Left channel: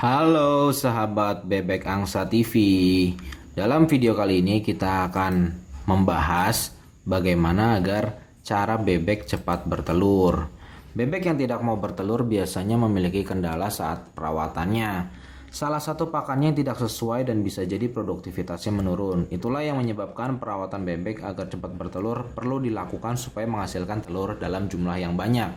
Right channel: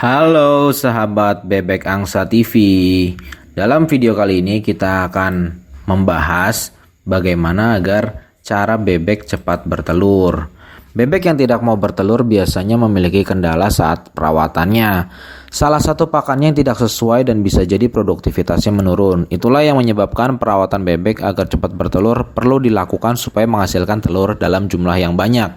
Halo sahabat Bebek Angsa TV. Dalam video kali ini kita akan membahas bagaimana agar cara bebek cepat bertelur. Bebek yang tidak mau bertelur biasanya memiliki kendala saat perawatannya. Salah satu pakannya yang tidak sesuai dan bisa jadi produktivitasnya menurun. Itulah yang menyebabkan perawatan bebek agar cepat bertelur perlu dilakukan supaya menghasilkan telur dalam jumlah yang banyak.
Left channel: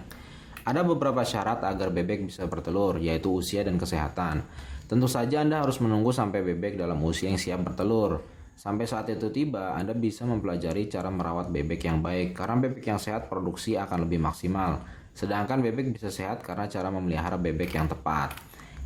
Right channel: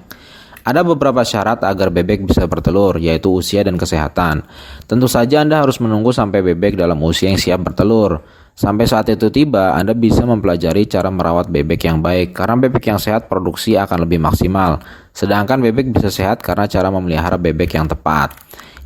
Ada beberapa syarat agar bebek bisa bertelur, yaitu usia dan kesehatan. Tentu saja Anda harus menunggu sampai bebek dalam usia yang siap bertelur. Sampai saat itu tiba, Anda bisa mempelajari cara merawat bebek yang baik, karena bebek yang sehat produksi akan lebih maksimal. Sedangkan bebek bisa sehat karena cara memelihara bebek yang tepat.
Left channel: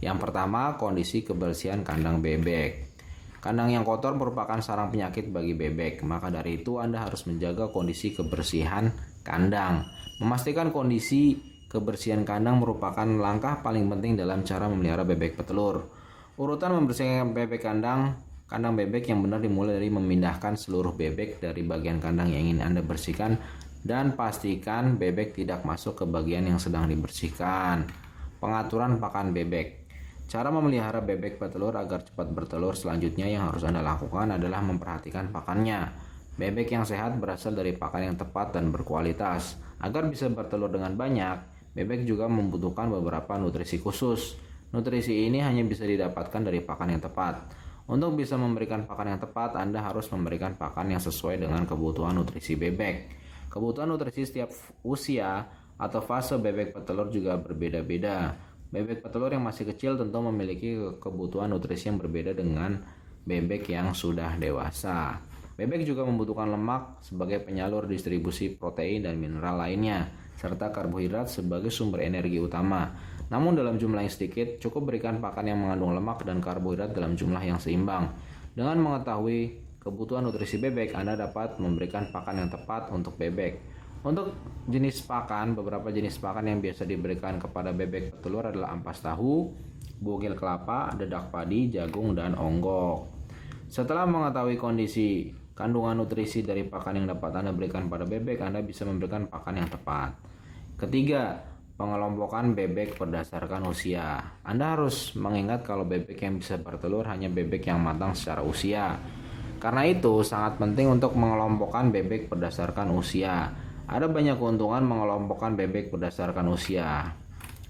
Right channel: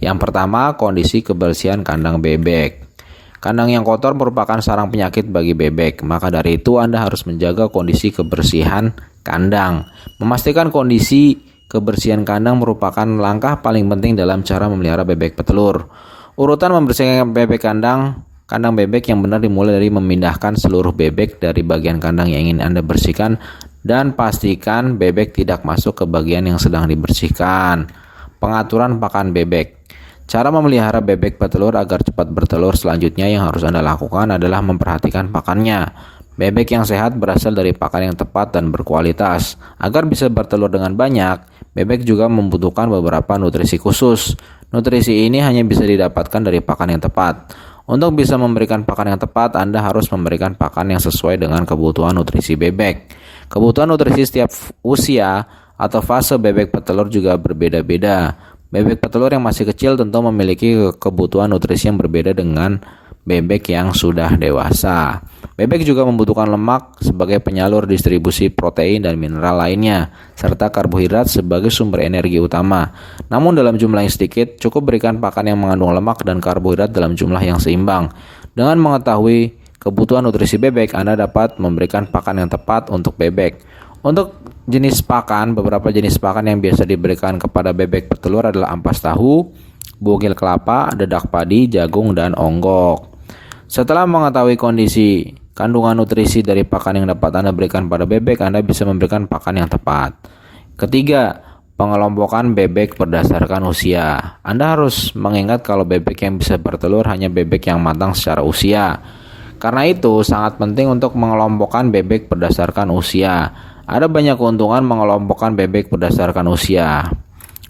Yang pertama, kondisi kebersihan kandang bebek. Kandang yang kotor merupakan sarang penyakit bagi bebek, maka dari itu Anda harus menjaga kondisi kebersihan kandang. Memastikan kondisi kebersihan kandang merupakan langkah paling penting dalam cara memelihara bebek petelur. Urutan membersihkan bebek kandang bebek yang benar dimulai dari memindahkan seluruh bebek dari bagian kandang yang ingin Anda bersihkan dan pastikan bebek tidak masuk ke bagian yang sedang dibersihkan. Pengaturan pakan bebek. Cara memelihara bebek petelur agar cepat bertelur selanjutnya yang harus Anda lakukan adalah memperhatikan pakannya. Bebek yang sehat berasal dari pakan yang tepat dan berkualitas. Agar bisa bertelur dengan banyak, bebek juga membutuhkan beberapa nutrisi khusus. Nutrisi ini hanya bisa didapatkan dari pakan yang tepat. Untuk bisa memberikan pakan yang tepat, Anda harus memberikan pakan yang sesuai dengan kebutuhan nutrisi bebek. Kebutuhan nutrisi setiap usia atau fase bebek petelur juga berbeda-beda. Bebek petelur yang masih kecil tentu memiliki kebutuhan nutrisi yang berbeda dengan bebek yang sudah dewasa. Bebek juga membutuhkan lemak sebagai penyalur distribusi protein dan mineral lainnya, serta karbohidrat sebagai sumber energi utama. Namun dalam jumlah yang sedikit, cukup berikan pakan yang mengandung lemak dan karbohidrat dalam jumlah yang seimbang. Dengan mengetahui kebutuhan nutrisi bebek, Anda dapat memberikan pakan yang tepat untuk bebek. Untuk jenis pakan, beberapa jenis pakan yang biasa diberikan kepada bebek petelur adalah ampas tahu, bugil kelapa, dedak padi, jagung, dan onggok. Setelah mengetahui kondisi kandungan nutrisi dari pakan yang dapat Anda berikan pada bebek, Anda bisa memberikan pakan yang tepat. Ketiga, pengelompokan bebek berdasarkan usia. Anda harus mengingat kalau bebek yang bisa bertelur hanya bebek yang matang secara usia. Karena itu, sangat penting untuk mengelompokkan bebek berdasarkan usia. Ada banyak keuntungan mengelompokkan bebek berdasarkan usia.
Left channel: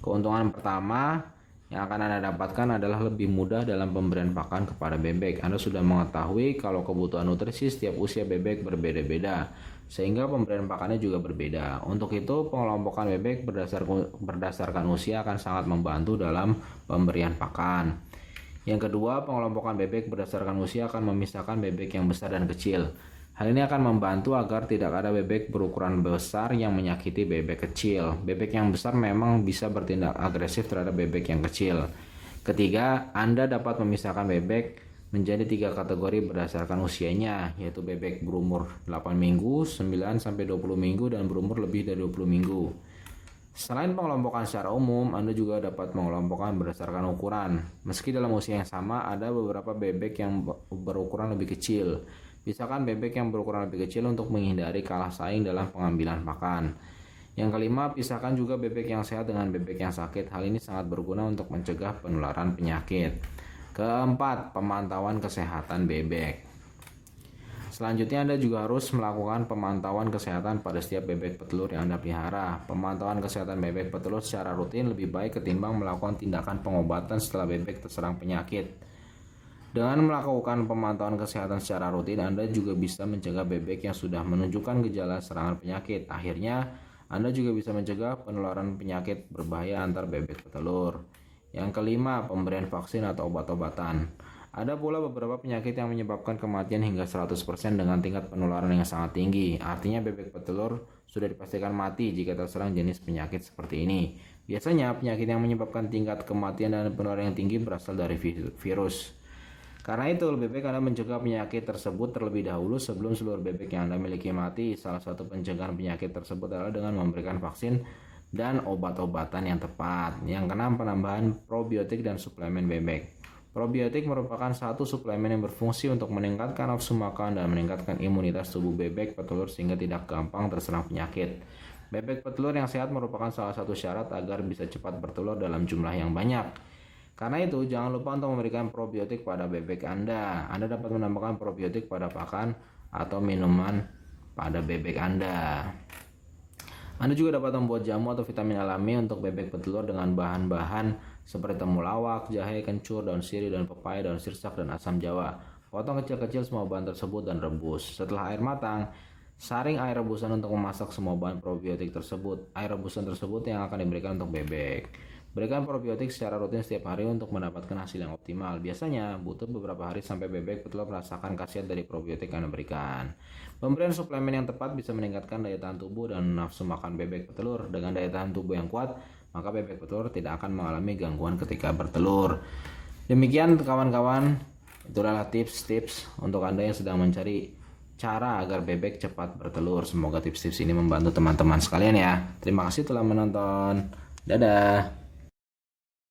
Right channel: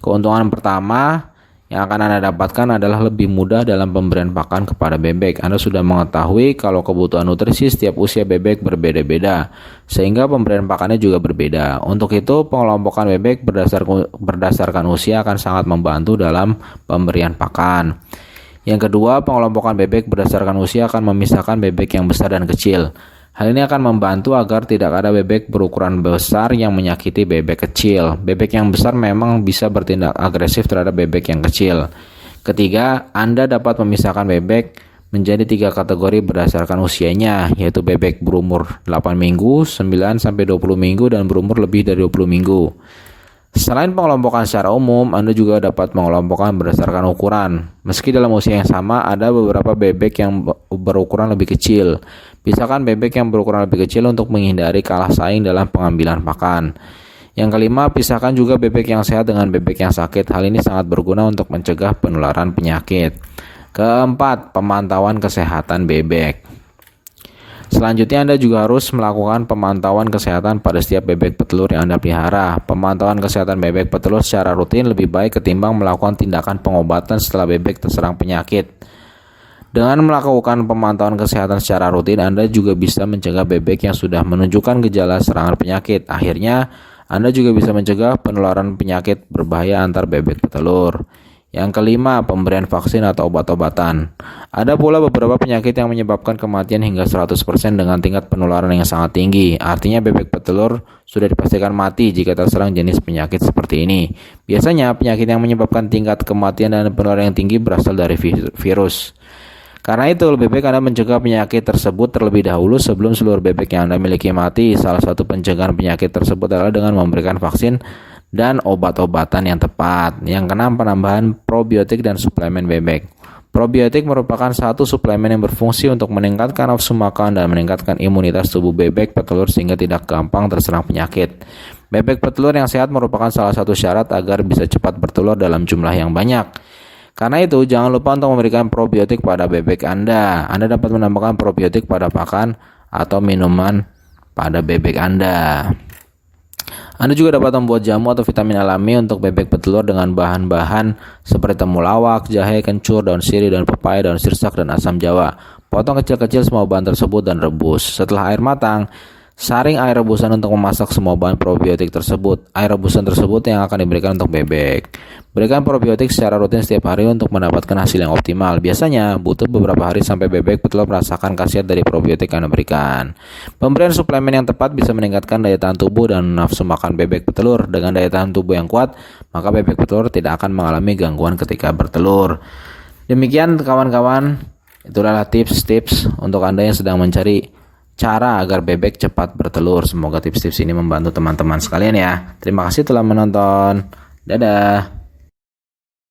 Keuntungan pertama yang akan Anda dapatkan adalah lebih mudah dalam pemberian pakan kepada bebek. Anda sudah mengetahui kalau kebutuhan nutrisi setiap usia bebek berbeda-beda, sehingga pemberian pakannya juga berbeda. Untuk itu, pengelompokan bebek berdasarkan usia akan sangat membantu dalam pemberian pakan. Yang kedua, pengelompokan bebek berdasarkan usia akan memisahkan bebek yang besar dan kecil. Hal ini akan membantu agar tidak ada bebek berukuran besar yang menyakiti bebek kecil. Bebek yang besar memang bisa bertindak agresif terhadap bebek yang kecil. Ketiga, Anda dapat memisahkan bebek menjadi 3 kategori berdasarkan usianya, yaitu bebek berumur 8 minggu, 9-20 minggu, dan berumur lebih dari 20 minggu. Selain pengelompokan secara umum, Anda juga dapat mengelompokkan berdasarkan ukuran. Meski dalam usia yang sama, ada beberapa bebek yang berukuran lebih kecil. Pisahkan bebek yang berukuran lebih kecil untuk menghindari kalah saing dalam pengambilan pakan. Yang kelima, pisahkan juga bebek yang sehat dengan bebek yang sakit. Hal ini sangat berguna untuk mencegah penularan penyakit. Keempat, pemantauan kesehatan bebek. Selanjutnya Anda juga harus melakukan pemantauan kesehatan pada setiap bebek petelur yang Anda pelihara. Pemantauan kesehatan bebek petelur secara rutin lebih baik ketimbang melakukan tindakan pengobatan setelah bebek terserang penyakit. Dengan melakukan pemantauan kesehatan secara rutin, Anda juga bisa mencegah bebek yang sudah menunjukkan gejala serangan penyakit. Akhirnya, Anda juga bisa mencegah penularan penyakit berbahaya antar bebek petelur. Yang kelima, pemberian vaksin atau obat-obatan. Ada pula beberapa penyakit yang menyebabkan kematian hingga 100% dengan tingkat penularan yang sangat tinggi. Artinya bebek petelur sudah dipastikan mati jika terserang jenis penyakit seperti ini. Biasanya penyakit yang menyebabkan tingkat kematian dan penularan yang tinggi berasal dari virus. Karena itu lebih baik Anda mencegah penyakit tersebut terlebih dahulu sebelum seluruh bebek yang Anda miliki mati. Salah satu pencegahan penyakit tersebut adalah dengan memberikan vaksin dan obat-obatan yang tepat. Yang keenam, penambahan probiotik dan suplemen bebek. Probiotik merupakan satu suplemen yang berfungsi untuk meningkatkan nafsu makan dan meningkatkan imunitas tubuh bebek petelur sehingga tidak gampang terserang penyakit. Bebek petelur yang sehat merupakan salah satu syarat agar bisa cepat bertelur dalam jumlah yang banyak. Karena itu, jangan lupa untuk memberikan probiotik pada bebek Anda. Anda dapat menambahkan probiotik pada pakan atau minuman pada bebek Anda. Anda juga dapat membuat jamu atau vitamin alami untuk bebek petelur dengan bahan-bahan seperti temulawak, jahe, kencur, daun sirih, daun pepaya, daun sirsak, dan asam jawa. Potong kecil-kecil semua bahan tersebut dan rebus. Setelah air matang, saring air rebusan untuk memasak semua bahan probiotik tersebut. Air rebusan tersebut yang akan diberikan untuk bebek. Berikan probiotik secara rutin setiap hari untuk mendapatkan hasil yang optimal. Biasanya butuh beberapa hari sampai bebek petelur merasakan khasiat dari probiotik yang diberikan. Pemberian suplemen yang tepat bisa meningkatkan daya tahan tubuh dan nafsu makan bebek petelur. Dengan daya tahan tubuh yang kuat, maka bebek petelur tidak akan mengalami gangguan ketika bertelur. Demikian kawan-kawan, itulah tips-tips untuk Anda yang sedang mencari cara agar bebek cepat bertelur. Semoga tips-tips ini membantu teman-teman sekalian ya. Terima kasih telah menonton. Dadah.